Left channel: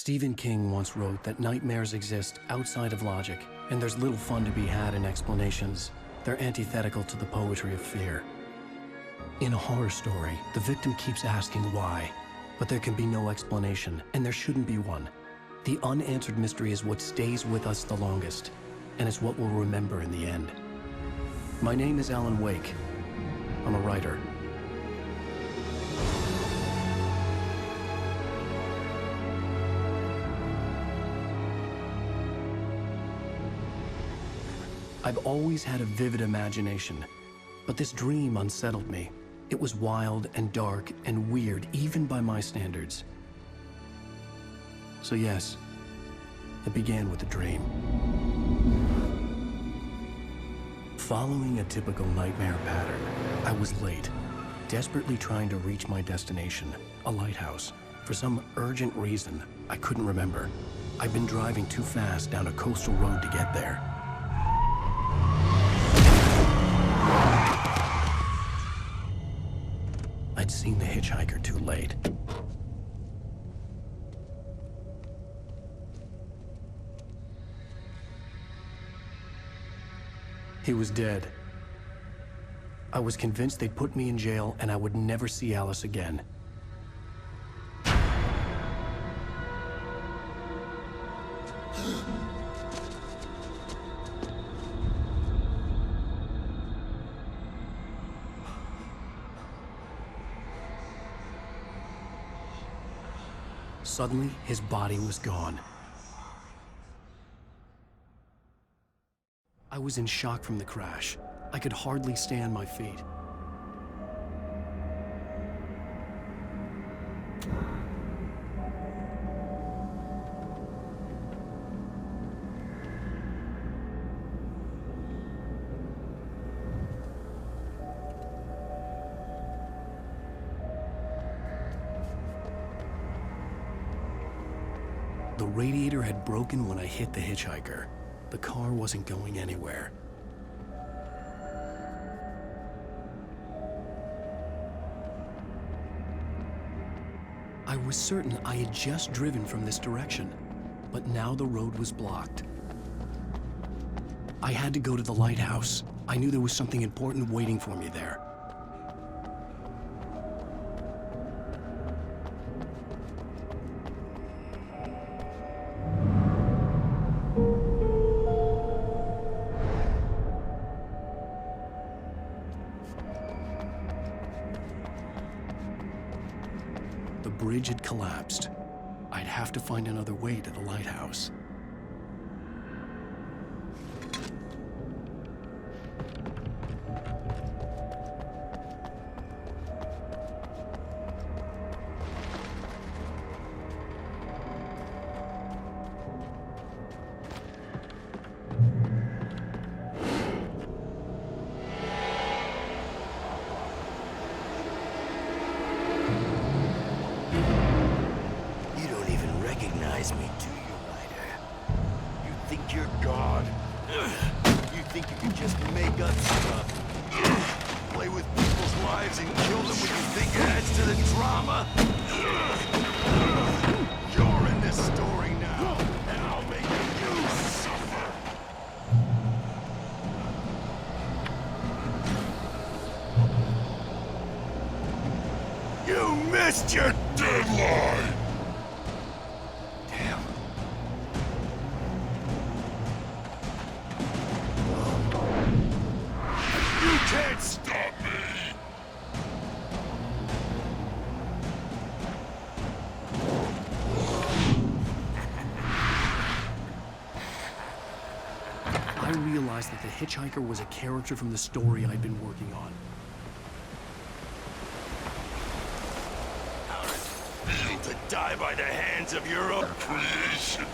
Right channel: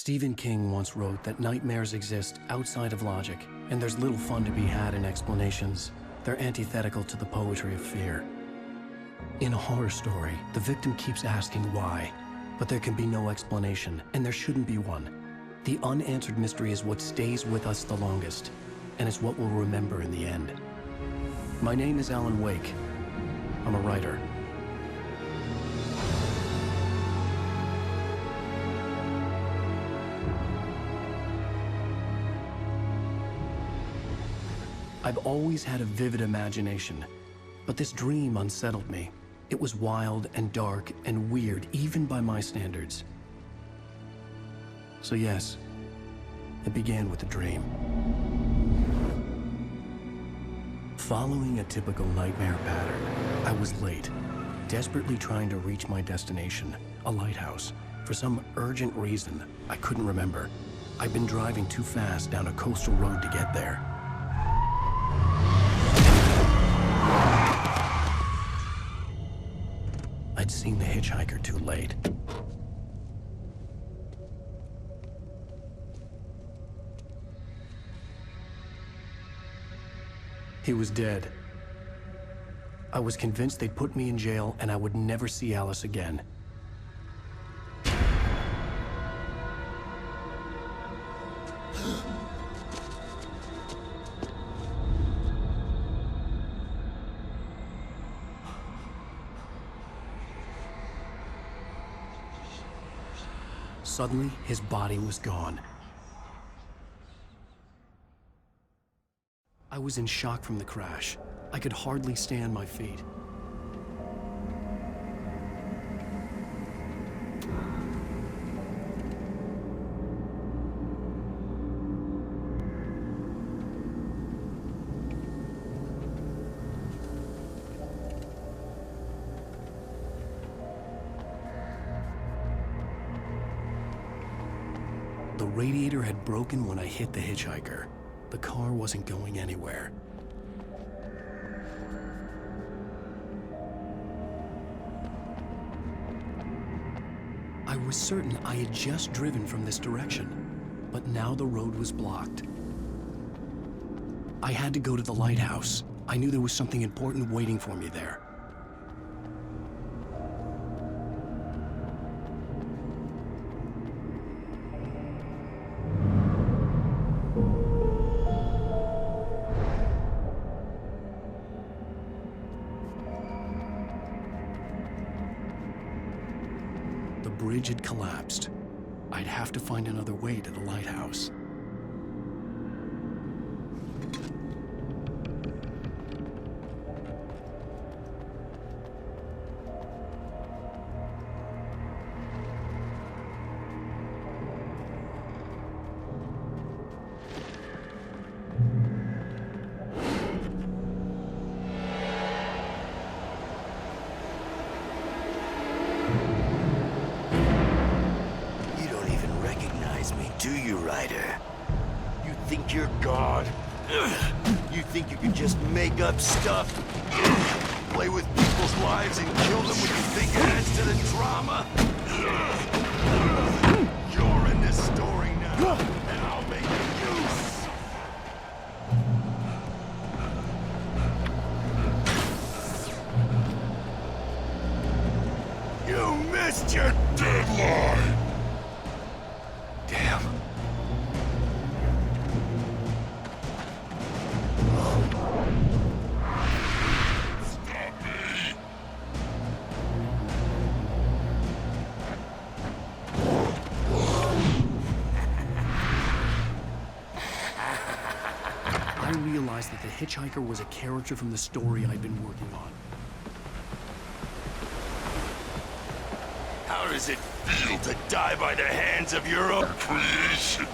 Stephen King once wrote that nightmares exist outside of logic, and there's little fun to be had in explanations. They're antithetical to the poetry of fear. In a horror story, the victim keeps asking why, but there can be no explanation, and there shouldn't be one. The unanswered mystery is what stays with us the longest, and it's what we'll remember in the end. My name is Alan Wake. I'm a writer. I've always had a vivid imagination, but this dream unsettled me. It was wild and dark and weird, even by my standards. So yes, it began with a dream. Following a typical nightmare pattern, I was late, desperately trying to reach my destination, a lighthouse. For some urgent reason, I couldn't remember. I'd been driving too fast down a coastal road to get there. I'd seen the hitchhiker too late. He was dead. I was convinced they'd put me in jail and I would never see Alice again. Suddenly, his body was gone. I was in shock from the crash. I could hardly stay on my feet. The radiator had broken when I hit the hitchhiker. The car wasn't going anywhere. I was certain I had just driven from this direction, but now the road was blocked. I had to go to the lighthouse. I knew there was something important waiting for me there. The bridge had collapsed. I'd have to find another way to the lighthouse. Recognize me, do you, Ryder? You think you're God? You think you can just make up stuff? Play with people's lives? You missed your deadline! I realized that the hitchhiker was a character from the story I'd been working on. How does it feel to die by the hands of your own creation?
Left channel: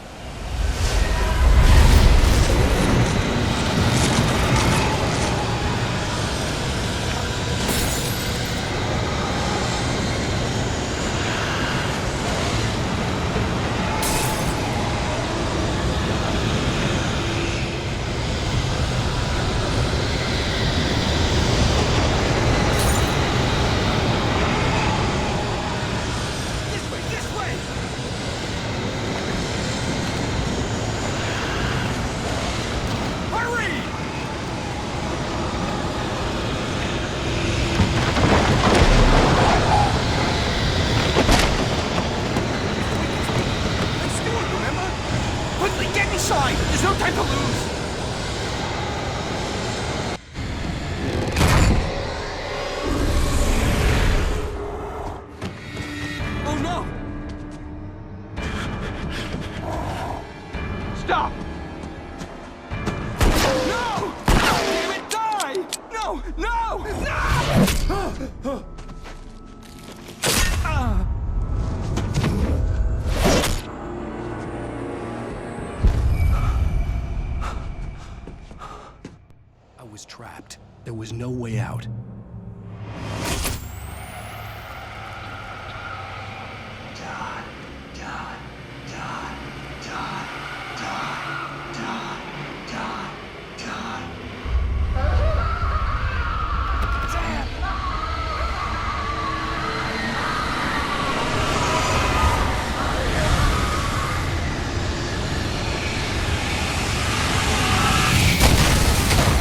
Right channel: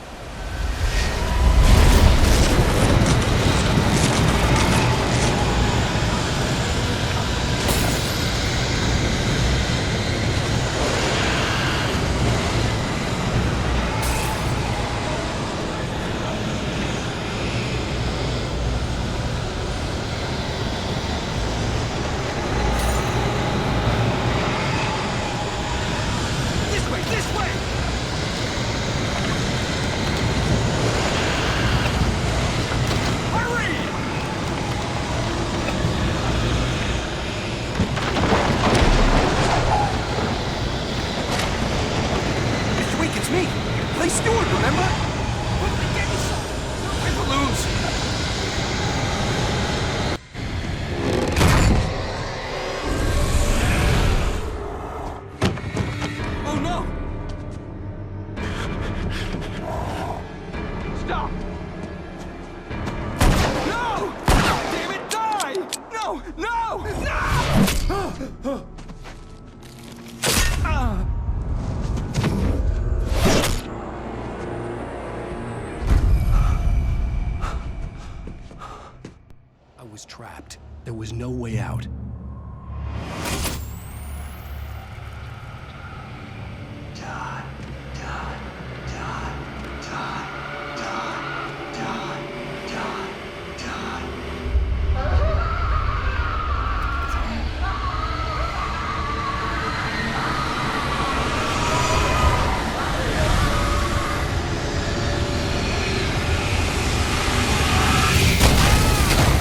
This way! forward, remember? Quickly, get inside! There's no time to lose! Oh no! Stop! No! Damn it, die! No! No! No! I was trapped. There was no way out.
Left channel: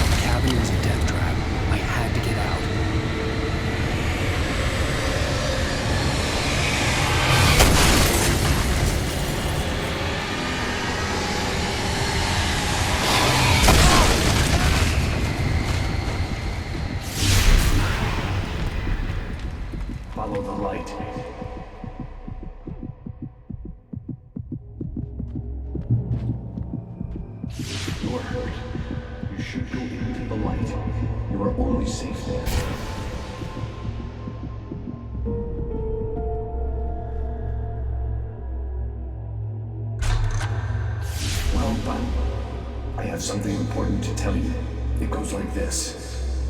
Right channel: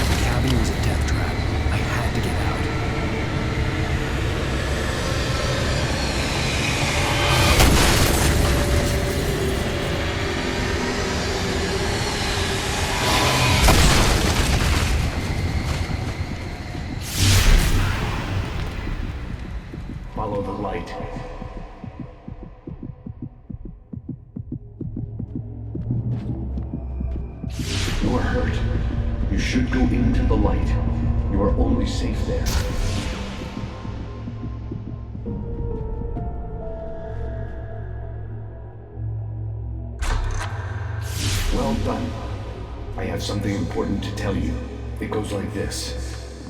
The cabin was a death trap. I had to get out. Follow the light. You are hurt. You should go into the light. You are only safe there. Well done. I have something important to tell you. It goes like this.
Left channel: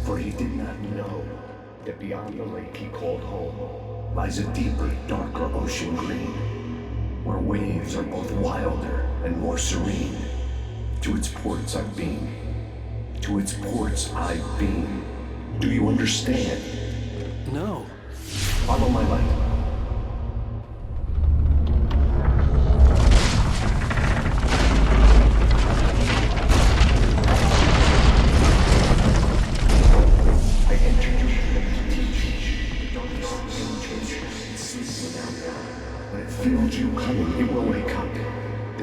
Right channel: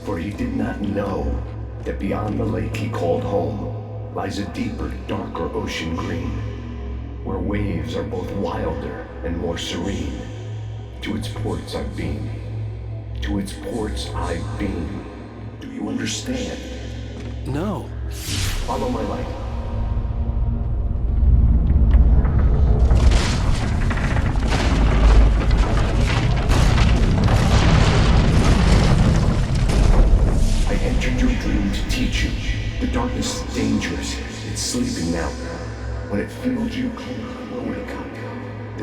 For he did not know that beyond the lake he called home lies a deeper, darker ocean green, where waves are both wilder and more serene. To its ports I've been. To its ports I've been. Do you understand? No. Follow my light. The darkness is dangerous. It's sleeping now. When it feels you coming, it will wake up.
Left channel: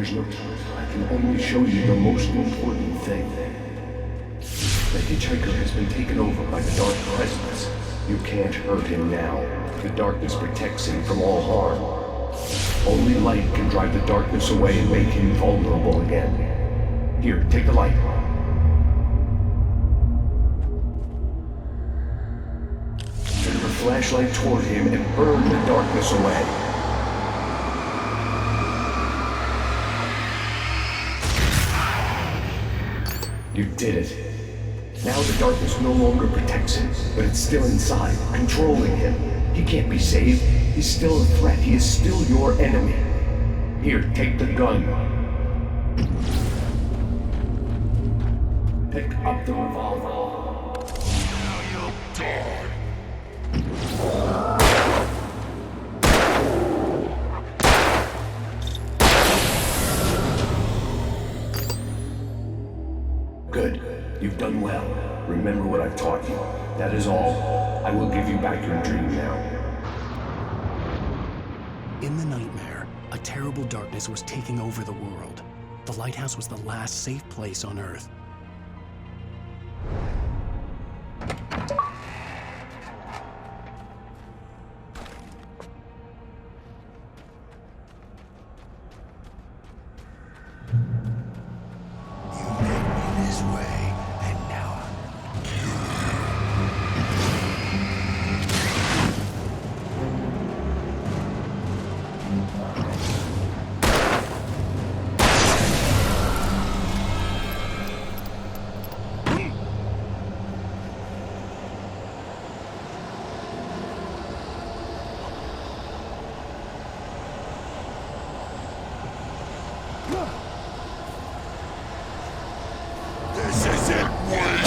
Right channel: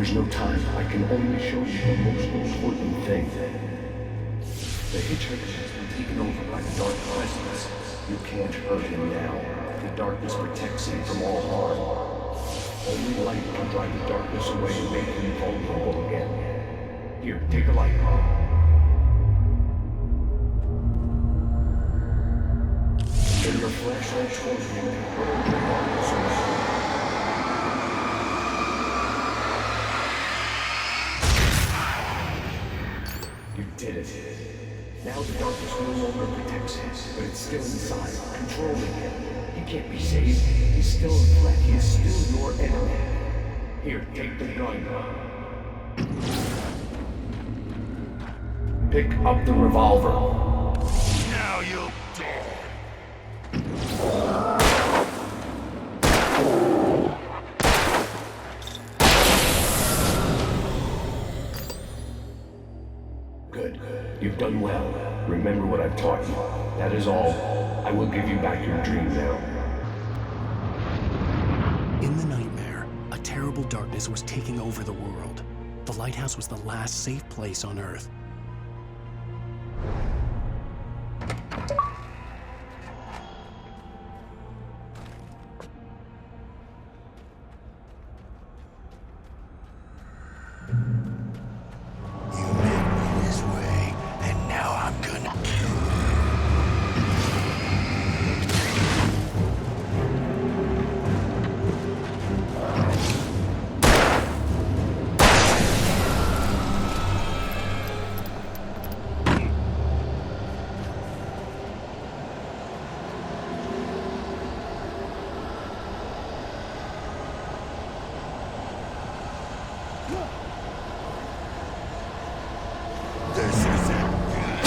Until time, I can only show you the most important thing. The hitchhiker has been taken over by the dark presence. You can't hurt him now. The darkness protects him from all harm. Only light can drive the darkness away and make him vulnerable again. Here, take the light. Turn your flashlight toward him and burn the darkness away. You did it. Now the darkness no longer protects him, but it's still inside, controlling him. He can't be saved. He's still a threat. He is still your enemy. Here, take the gun. Pick up the revolver. Now you'll die. Good. You've done well. Remember what I've taught you. That is all. I will give you back your dream now. In the nightmare, a terrible darkness was taking over the world. The lighthouse was the last safe place on Earth. You made me this way, and now I'm gonna kill you. This isn't one.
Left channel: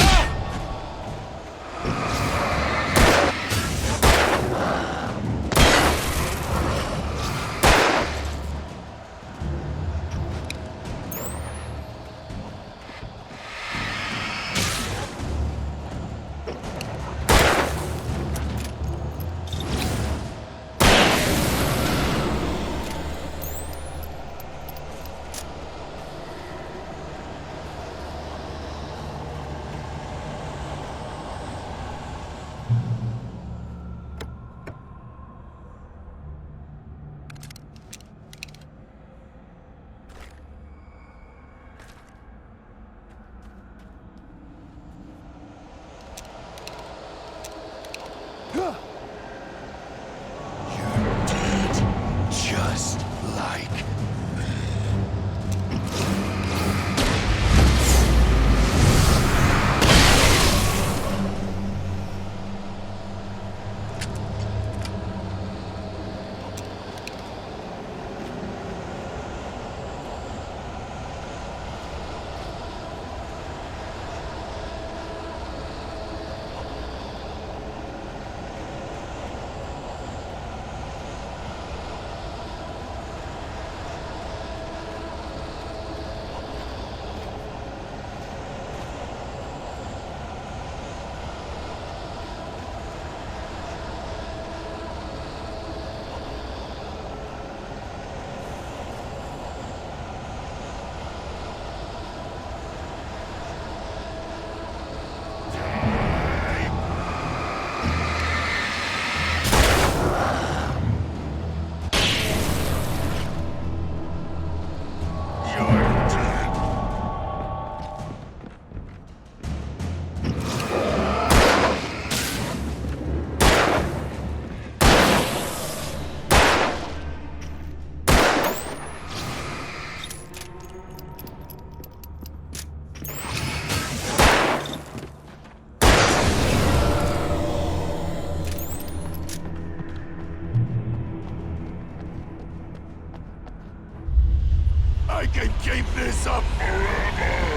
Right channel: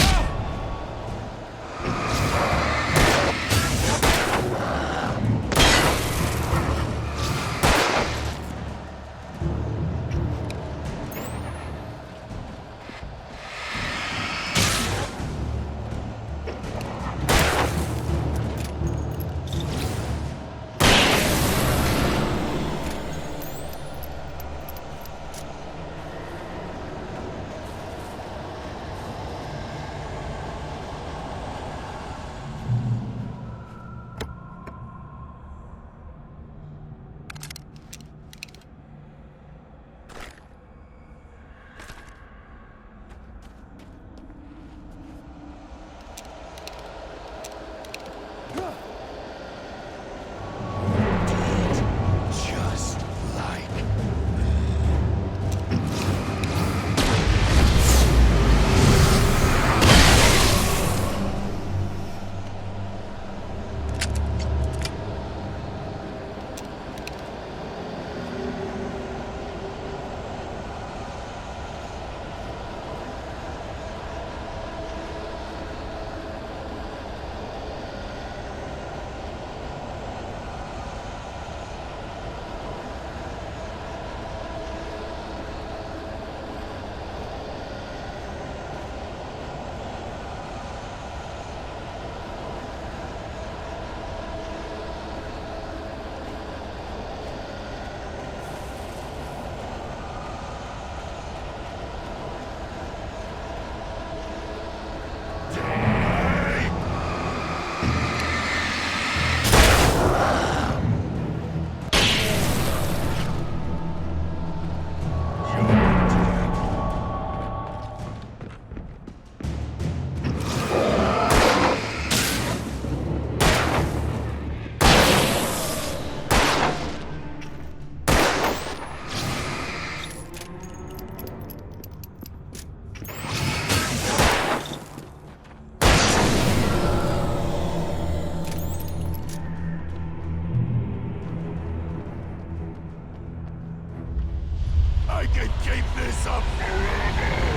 You're dead, just like I can keep this up forever!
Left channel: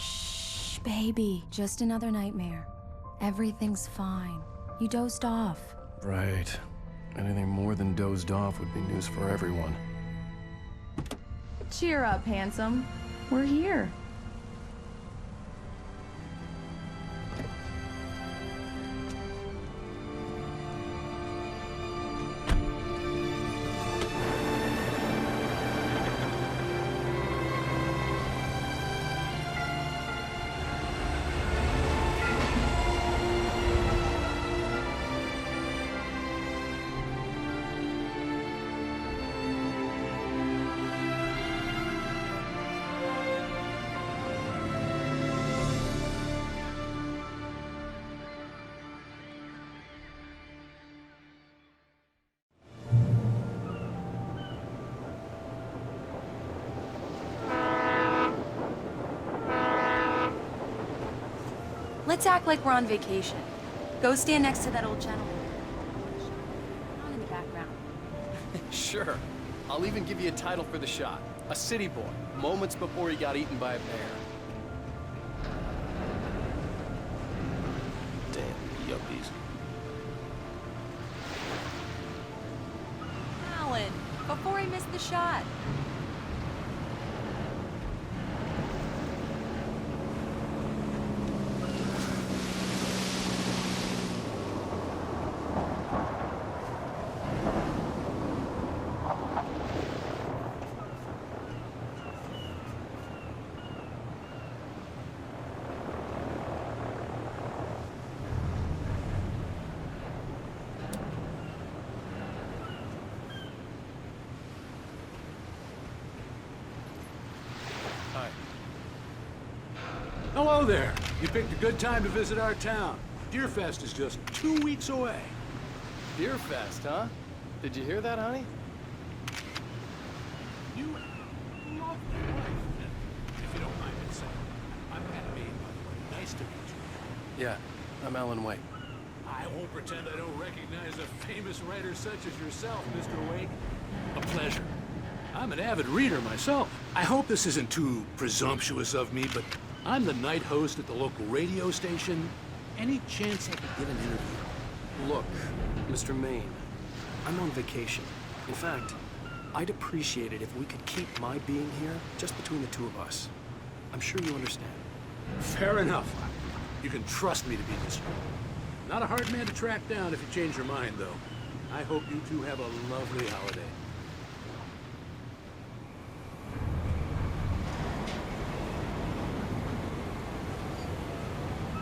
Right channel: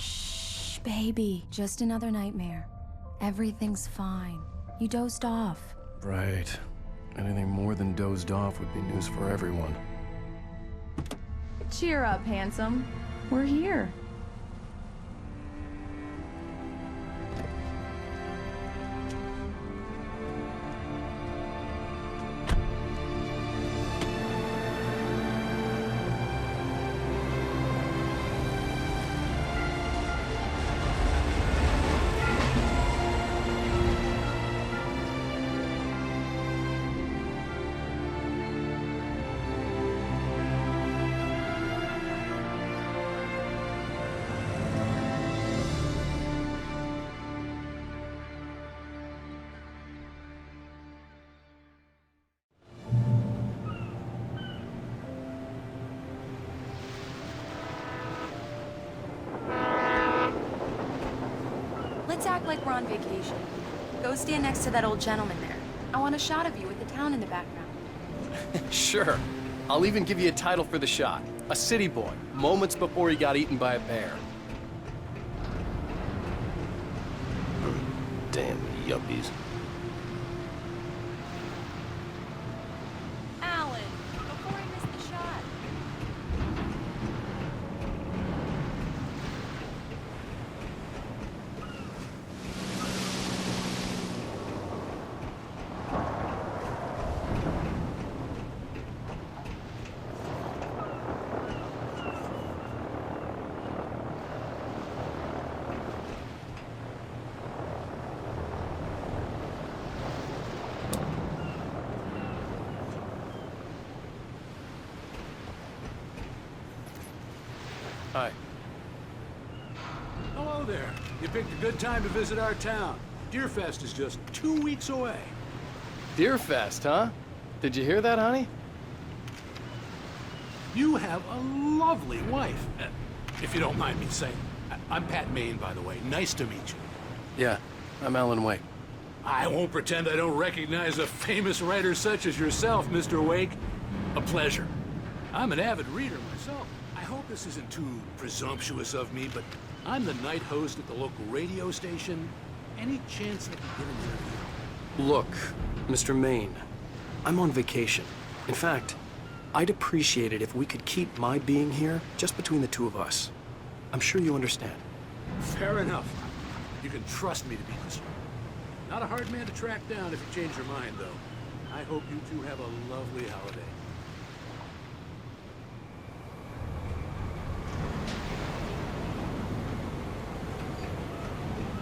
Shh, baby. Just another nightmare. Everything's fine. You dozed off. Right. Anything more than dozed off would be news for everyone. Cheer up, handsome. We're here. Let's act like we're on vacation. Go stand next to that old gentleman there. I want a shot of you with the town in the background. Sure. I'll even give you a title for the shot. A city boy, moments before he got eaten by a bear. Damn yuppies. Alan, before I miss the shot. Hello there. You picked a good time to visit our town. Deerfest is just 2 weeks away. Deerfest, huh? Did you hear that, honey? You have a lovely wife. If you don't mind me saying. I'm Pat Maine, by the way. Nice to meet you. Yeah, I'm Alan Wake. I won't pretend I don't recognize a famous writer such as yourself, Mr. Wake. A pleasure. I'm an avid reader myself. I hope this isn't too presumptuous of me, but I'm the night host at the local radio station. Any chance I could get an interview? Look, Mr. Maine, I'm on vacation. In fact, I'd appreciate it if we could keep my being here just between the two of us. I'm sure you understand. Fair enough. You can trust me to be discreet. Not a hard man to track down if you change your mind, though. I hope you two have a lovely holiday.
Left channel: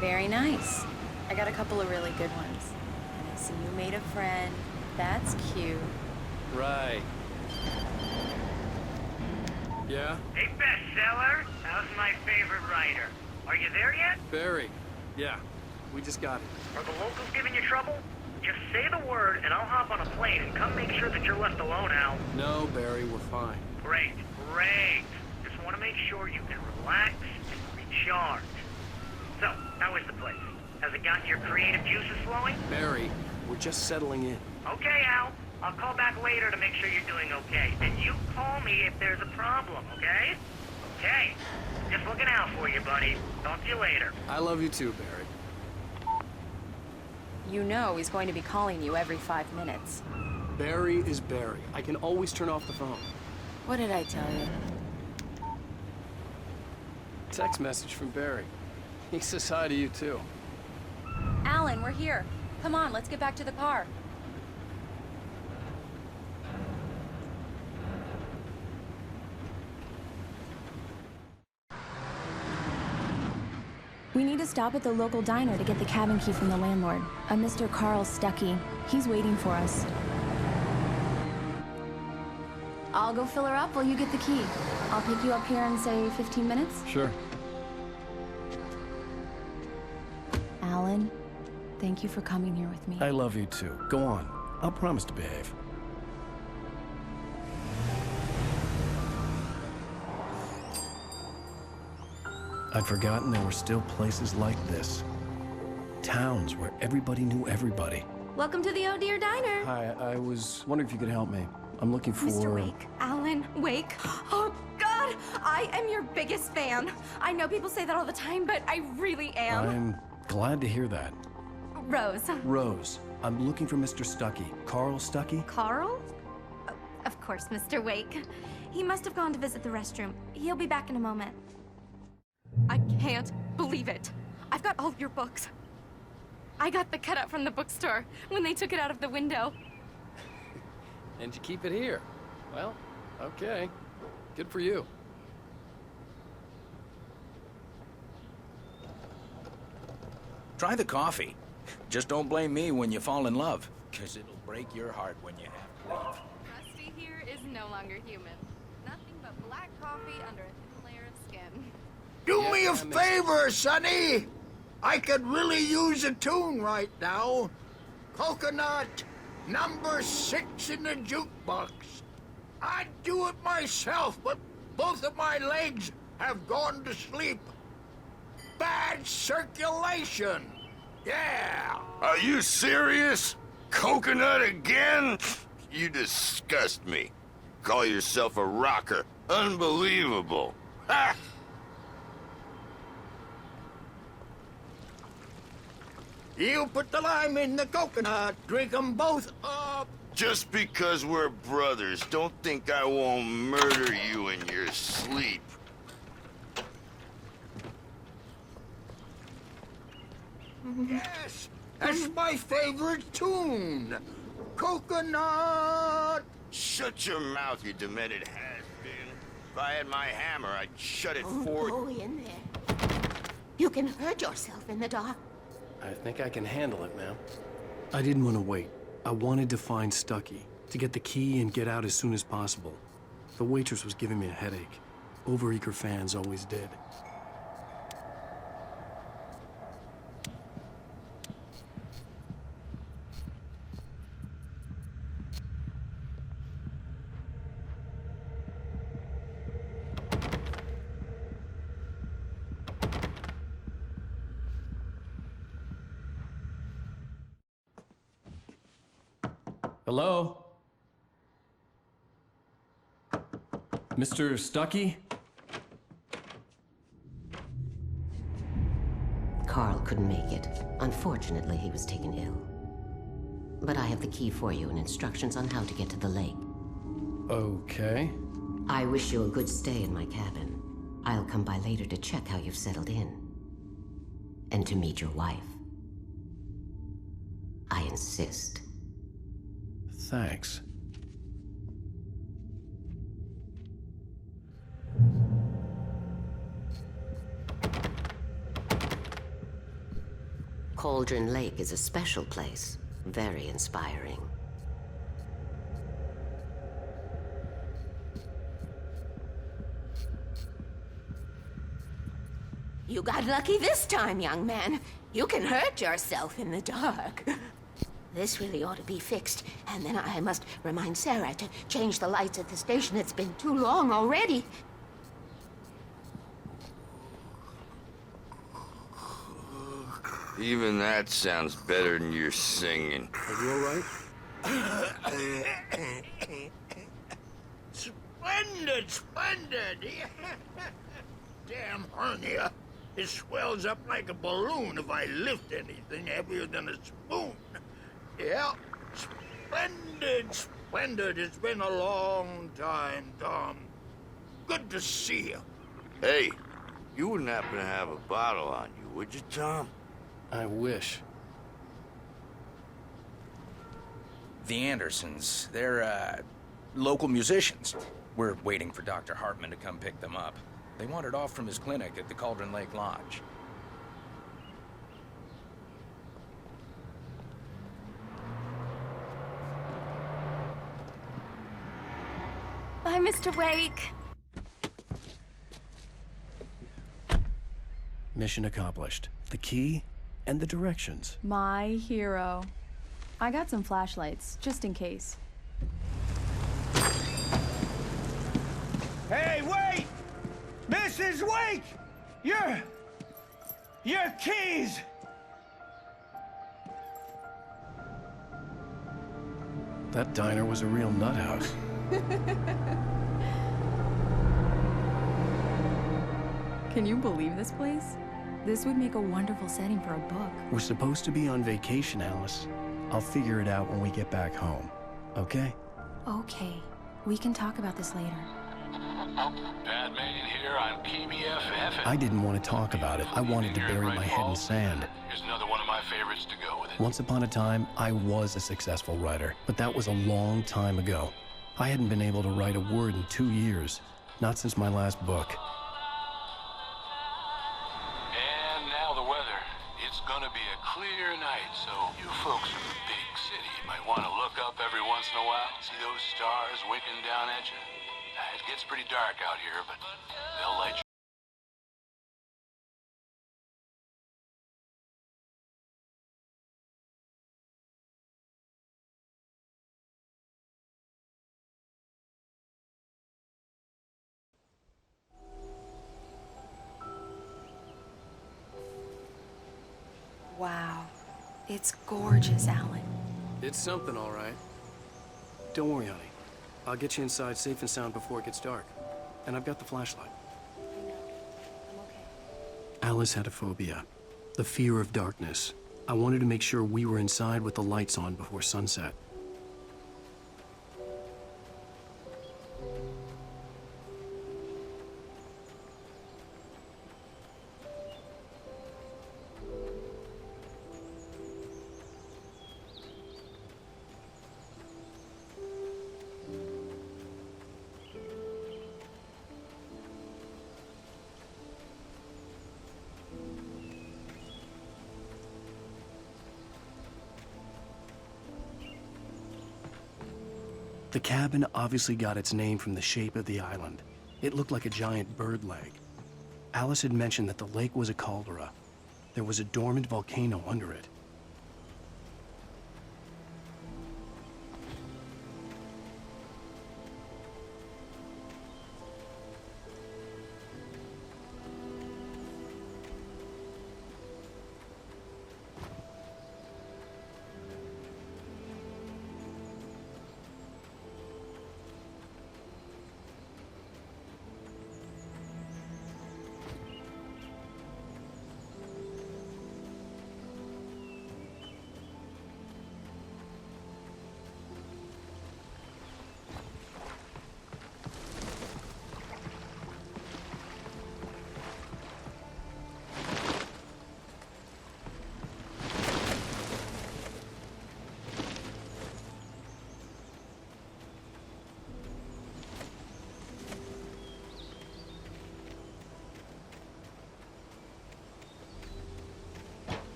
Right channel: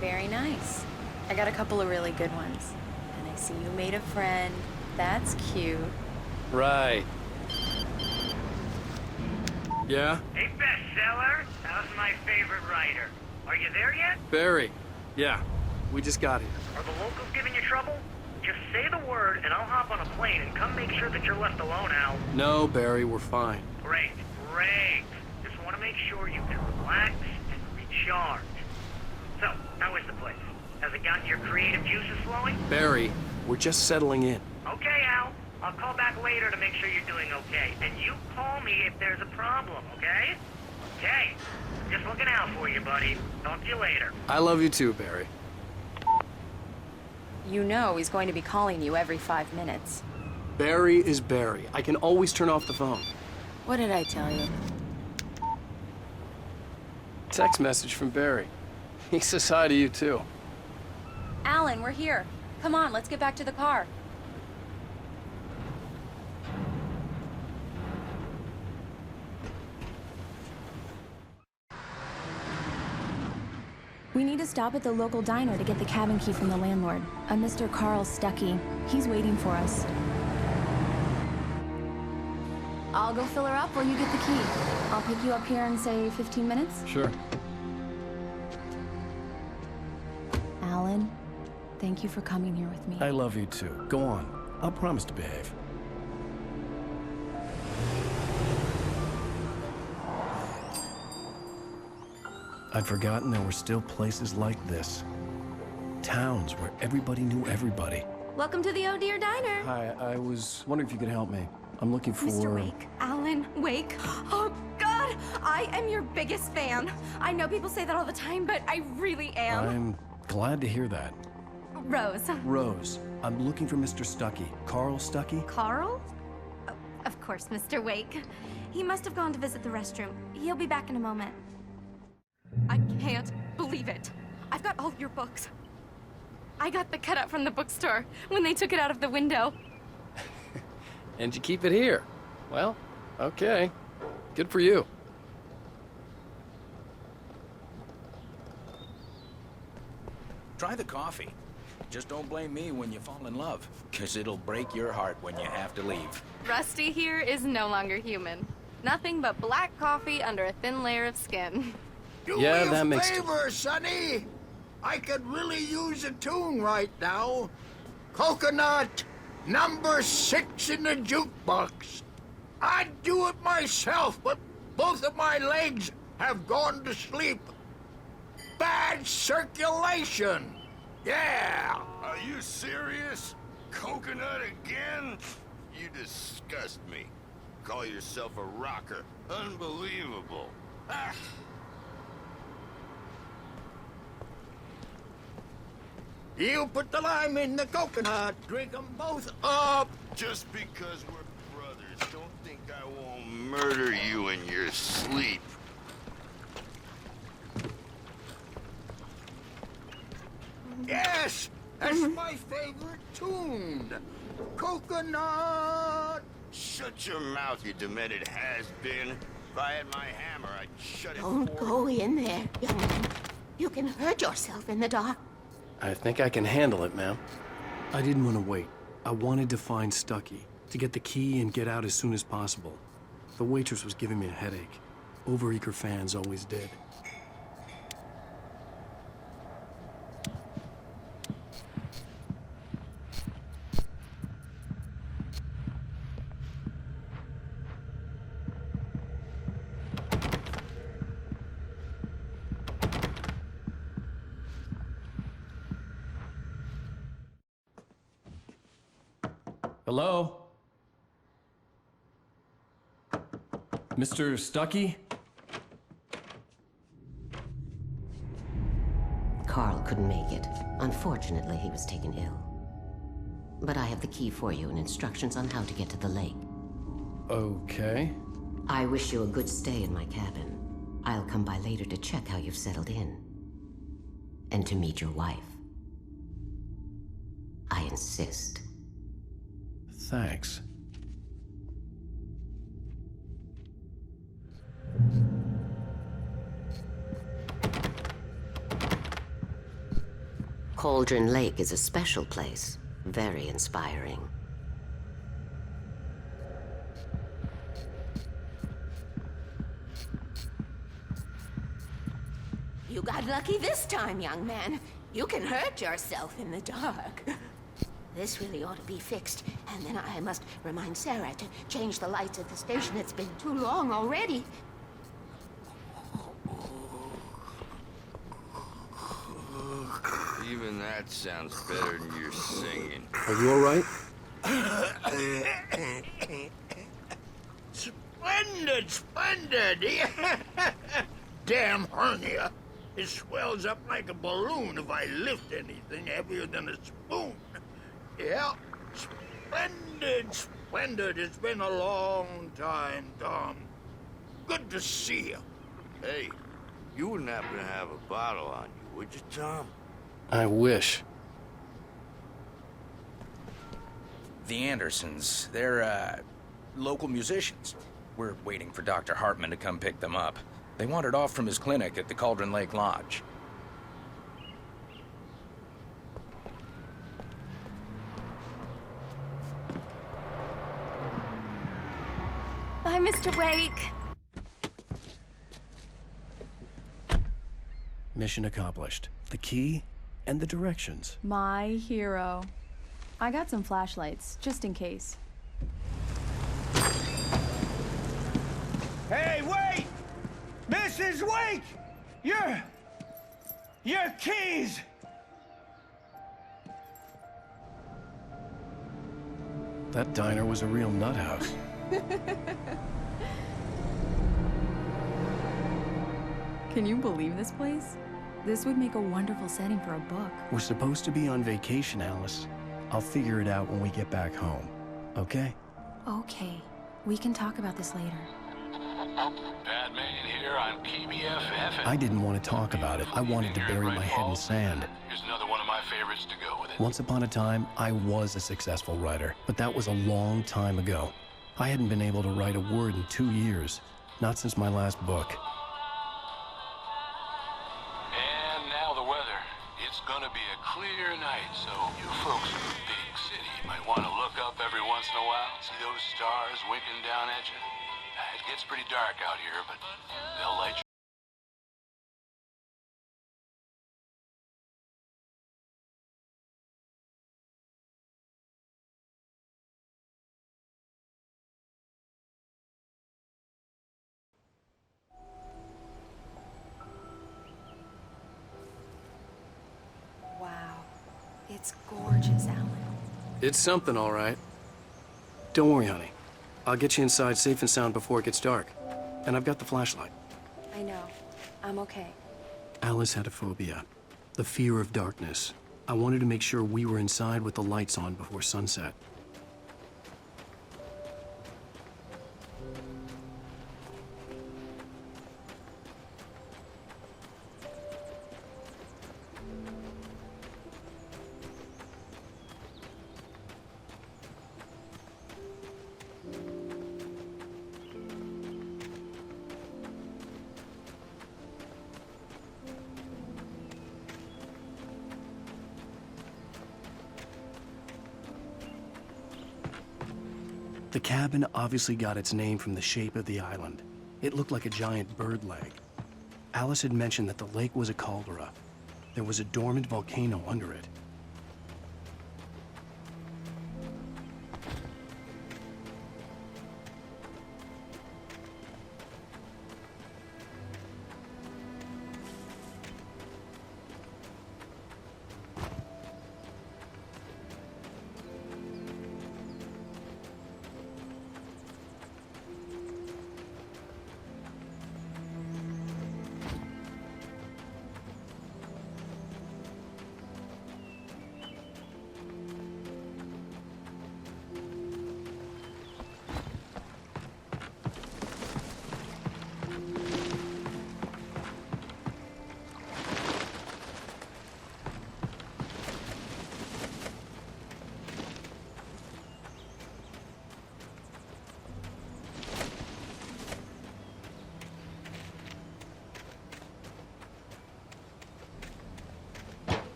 Very nice. I got a couple of really good ones. And I see you made a friend. That's cute. Right. Yeah? Hey, bestseller. How's my favorite writer? Are you there yet? Barry. Yeah. We just got here. Are the locals giving you trouble? Just say the word and I'll hop on a plane and come make sure that you're left alone, Al. No, Barry, we're fine. Great, great. Just want to make sure you can relax and recharge. So, how is the place? Has it gotten your creative juices flowing? Barry, we're just settling in. Okay, Al. I'll call back later to make sure you're doing okay. And you call me if there's a problem, okay? Okay. I'm just looking out for you, buddy. Talk to you later. I love you too, Barry. You know he's going to be calling you every 5 minutes. Barry is Barry. I can always turn off the phone. What did I tell you? Text message from Barry. He says hi to you too. Alan, we're here. Come on, let's get back to the car. We need to stop at the local diner to get the cabin key from the landlord, a Mr. Carl Stuckey. He's waiting for us. I'll go fill her up while you get the key. I'll pick you up here in, say, 15 minutes? Sure. Alan, thank you for coming here with me. I love you too. Go on. I'll promise to behave. I'd forgotten there were still places like this. Towns where everybody knew everybody. Welcome to the Oh Dear Diner. Hi, I was wondering if you could help me. I'm looking for... Mr. Wake. Alan Wake. Oh, God! I am your biggest fan. I know people say that all the time, but I really am. I'm glad to hear that. Rose. Rose, I'm looking for Mr. Stuckey. Carl Stuckey? Carl? Oh, of course, Mr. Wake. He must have gone to visit the restroom. He'll be back in a moment. I can't believe it. I've got all your books. I got the cutout from the bookstore when they took it out of the window. And you keep it here. Well, okay. Good for you. Try the coffee. Just don't blame me when you fall in love, 'cause it'll break your heart when you have to leave. Rusty here is no longer human. Nothing but black coffee under a thin layer of skin. Do Yeah, me a that makes- favor, Sonny. I could really use a tune right now. Coconut, number 6 in the jukebox. I'd do it myself, but both of my legs have gone to sleep. Bad circulation. Yeah. Are you serious? Coconut again? You disgust me. Call yourself a rocker. Unbelievable. Ha! Drink them both up. Just because we're brothers, don't think I won't murder you and your... Yes, it's my favorite tune. Coconut. Shut your... It has been. If I had my hammer, I'd shut it Don't for go in there, young man. You can hurt yourself in the dark. I think I can handle it, ma'am. I didn't want to wait. I wanted to find Stuckey, to get the key and get out as soon as possible. The waitress was giving me a headache. Overeager fans always did. Hello? Mr. Stuckey? Carl couldn't make it. Unfortunately, he was taken ill. But I have the key for you and instructions on how to get to the lake. Okay. I wish you a good stay in my cabin. I'll come by later to check how you've settled in. And to meet your wife. I insist. Thanks. Cauldron Lake is a special place. Very inspiring. You got lucky this time, young man. You can hurt yourself in the dark. This really ought to be fixed, and then I must remind Sarah to change the lights at the station. It's been too long already. Even that sounds better than your singing. Are you all right? Splendid, splendid! Damn hernia. It swells up like a balloon if I lift anything heavier than a spoon. Yeah, splendid, splendid. It's been a long time, Tom. Good to see you. Hey, you wouldn't happen to have a bottle on you, would you, Tom? I wish. The Andersons, they're, local musicians. We're waiting for Dr. Hartman to come pick them up. They wandered off from his clinic at the Cauldron Lake Lodge. Mission accomplished. The key and the directions. My hero. I got some flashlights, just in case. Hey, wait! Mrs. Wake! Your keys! That diner was a real nut house. Can you believe this place? This would make a wonderful setting for a book. We're supposed to be on vacation, Alice. I'll figure it out when we get back home. Okay? Okay. We can talk about this later. Batman here on PBFF. I didn't want to talk about it. I wanted to bury my head in sand. Here's another one of my favorites to go with it. Once upon a time, I was a successful writer, but that was a long time ago. I hadn't been able to write a word in 2 years. Not since my last book. And now the weather. It's gonna be a clear night, so you folks in the big city might want to look up every once in a while. See those stars winking down at you? It gets pretty dark out here, but they'll light you. Wow. It's gorgeous, Alan. It's something, all right. Don't worry, honey. I'll get you inside safe and sound before it gets dark. And I've got the flashlight. I know. I'm okay. Alice had a phobia. The fear of darkness. I wanted to make sure we were inside with the lights on before sunset. The cabin obviously got its name from the shape of the island. It looked like a giant bird leg. Alice had mentioned that the lake was a caldera. There was a dormant volcano under it.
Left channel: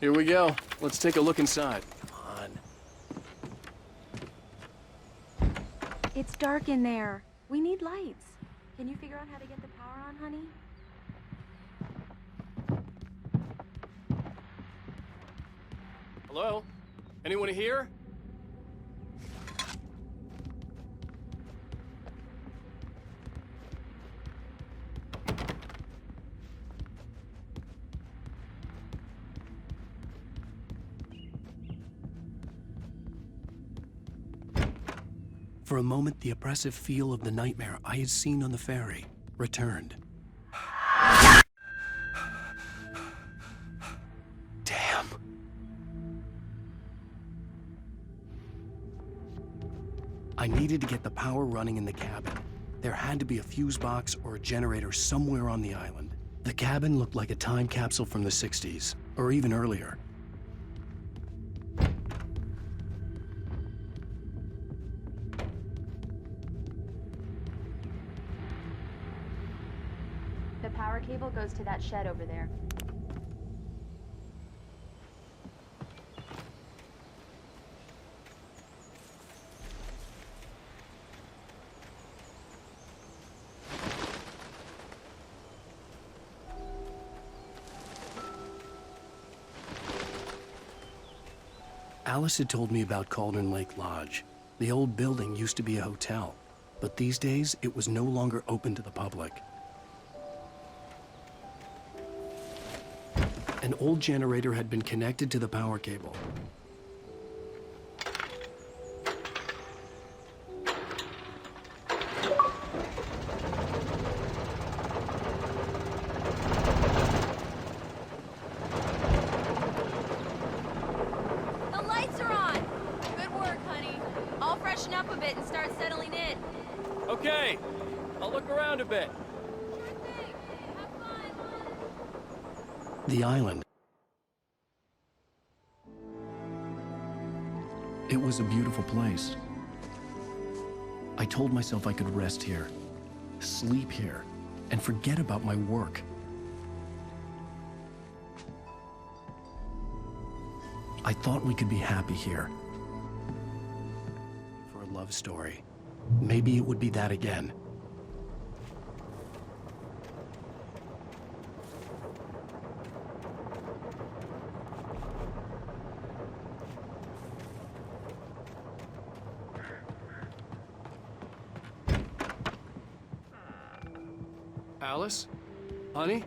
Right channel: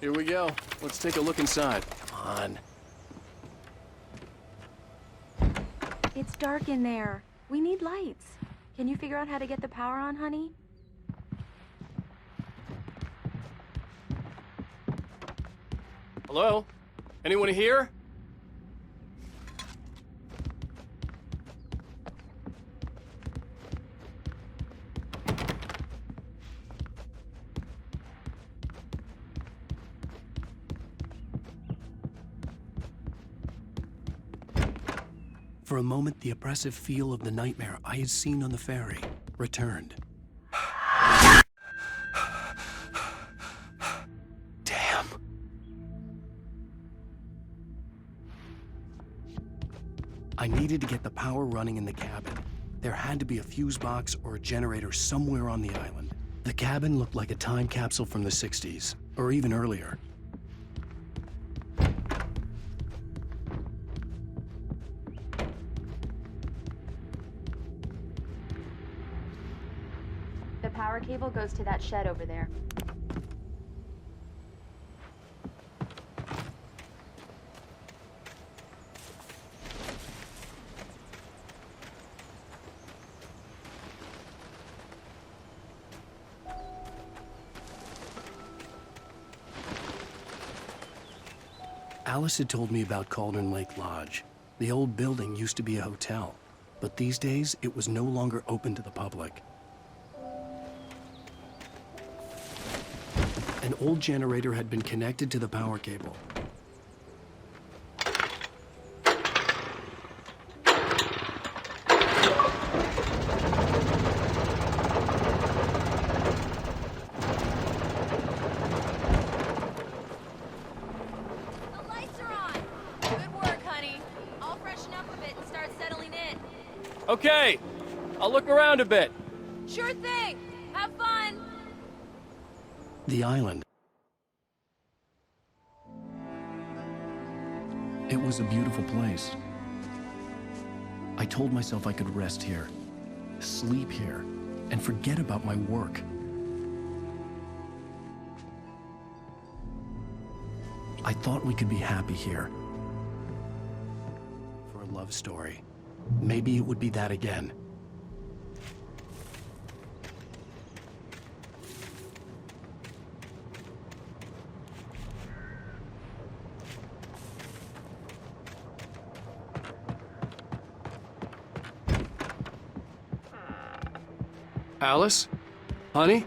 Here we go. Let's take a look inside. Come on. It's dark in there. We need lights. Can you figure out how to get the power on, honey? Hello? Anyone here? For a moment, the oppressive feel of the nightmare I had seen on the ferry returned. I needed to get the power running in the cabin. There had to be a fuse box or a generator somewhere on the island. The cabin looked like a time capsule from the 60s, or even earlier. The power cable goes to that shed over there. Alice had told me about Cauldron Lake Lodge. The old building used to be a hotel, but these days it was no longer open to the public. An old generator had been connected to the power cable. The lights are on! Good work, honey. I'll freshen up a bit and start settling in. Okay. I'll look around a bit. Sure thing. Have fun. The island. It was a beautiful place. I told myself I could rest here, sleep here, and forget about my work. I thought we could be happy here. For a love story. Maybe it would be that again. Alice? Honey?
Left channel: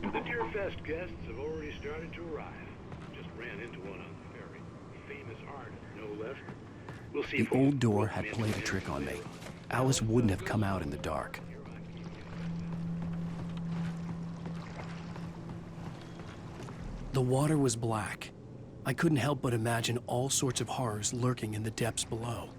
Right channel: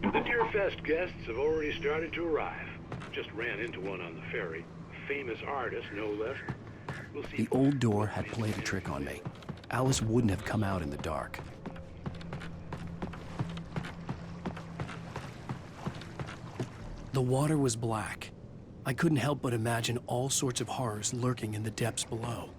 The Deerfest guests have already started to arrive. Just ran into one on the ferry. Famous artist, no less. We'll see. The old door had played a trick on me. Alice wouldn't have come out in the dark. The water was black. I couldn't help but imagine all sorts of horrors lurking in the depths below.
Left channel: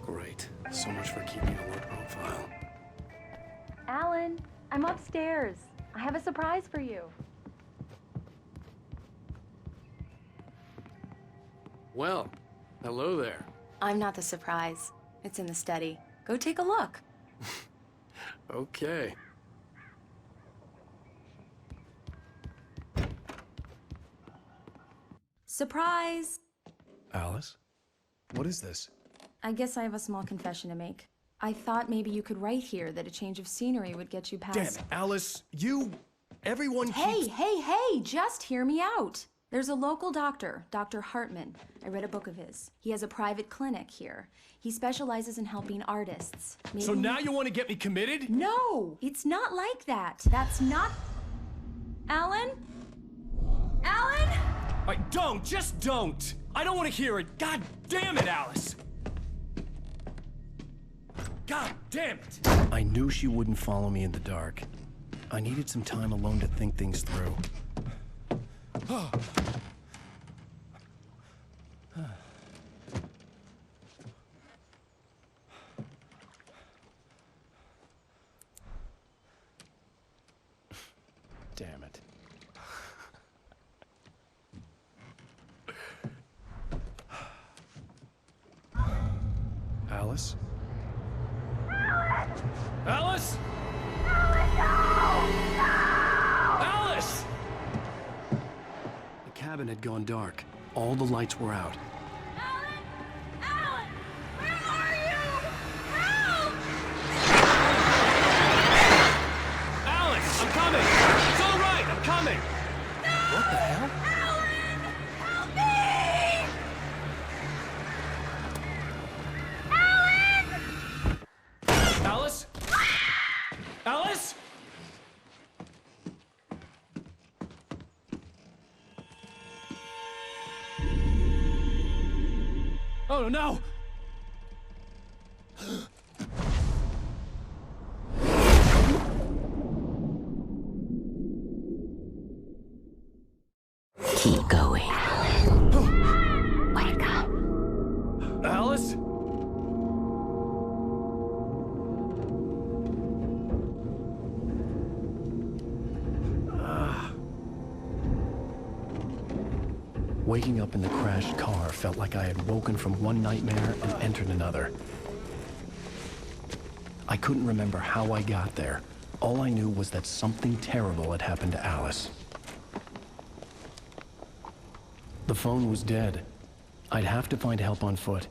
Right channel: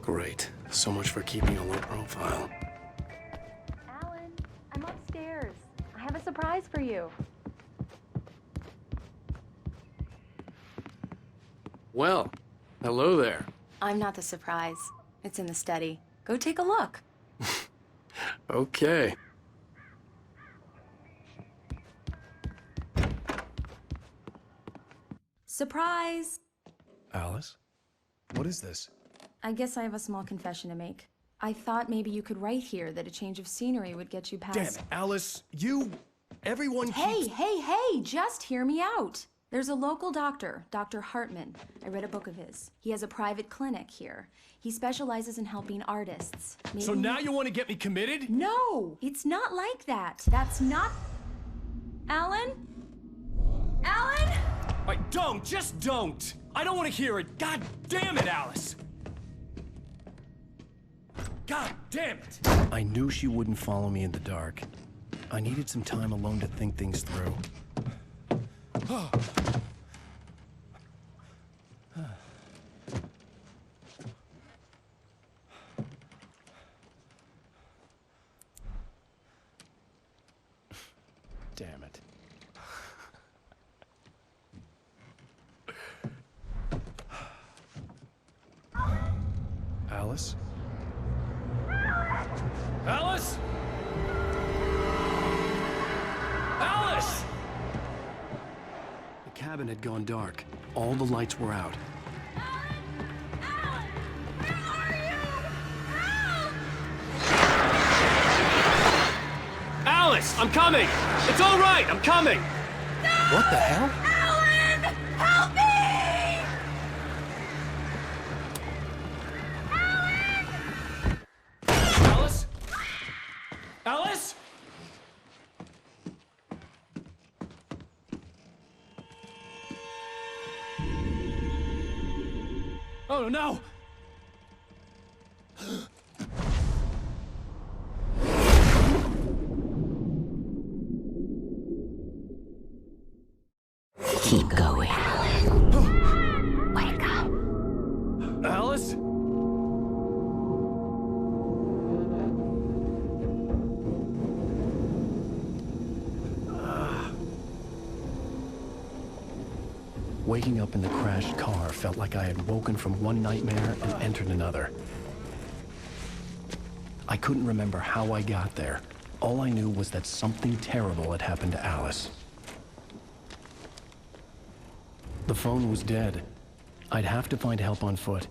Great. So much for keeping a low profile. Alan, I'm upstairs. I have a surprise for you. Well, hello there. I'm not the surprise. It's in the study. Go take a look. Okay. Surprise! Alice? What is this? I guess I have a small confession to make. I thought maybe you could write here that a change of scenery would get you past... Damn it, Alice! Everyone keeps... Hey, just hear me out. There's a local doctor, Dr. Hartman. I read a book of his. He has a private clinic here. He specializes in helping artists. So now you want to get me committed? No, it's not like that. That's not... Alan? Alan? Just don't! I don't want to hear it! God damn it, Alice! God damn it! I knew she wouldn't follow me in the dark. I needed some time alone to think things through. damn it. Alice? Alice? Alice! The cabin had gone dark. All the lights were out. Alan! Where are you? Help! Alice, I'm coming! It's all right, I'm coming! What the hell? Alan! Help me! Alan! Alice? Alice? Oh no! Keep going, Alan. Wake up. Alice? Waking up in the crashed car felt like I had woken from one nightmare and entered another. I couldn't remember how I got there. All I knew was that something terrible had happened to Alice. The phone was dead. I'd have to find help on foot,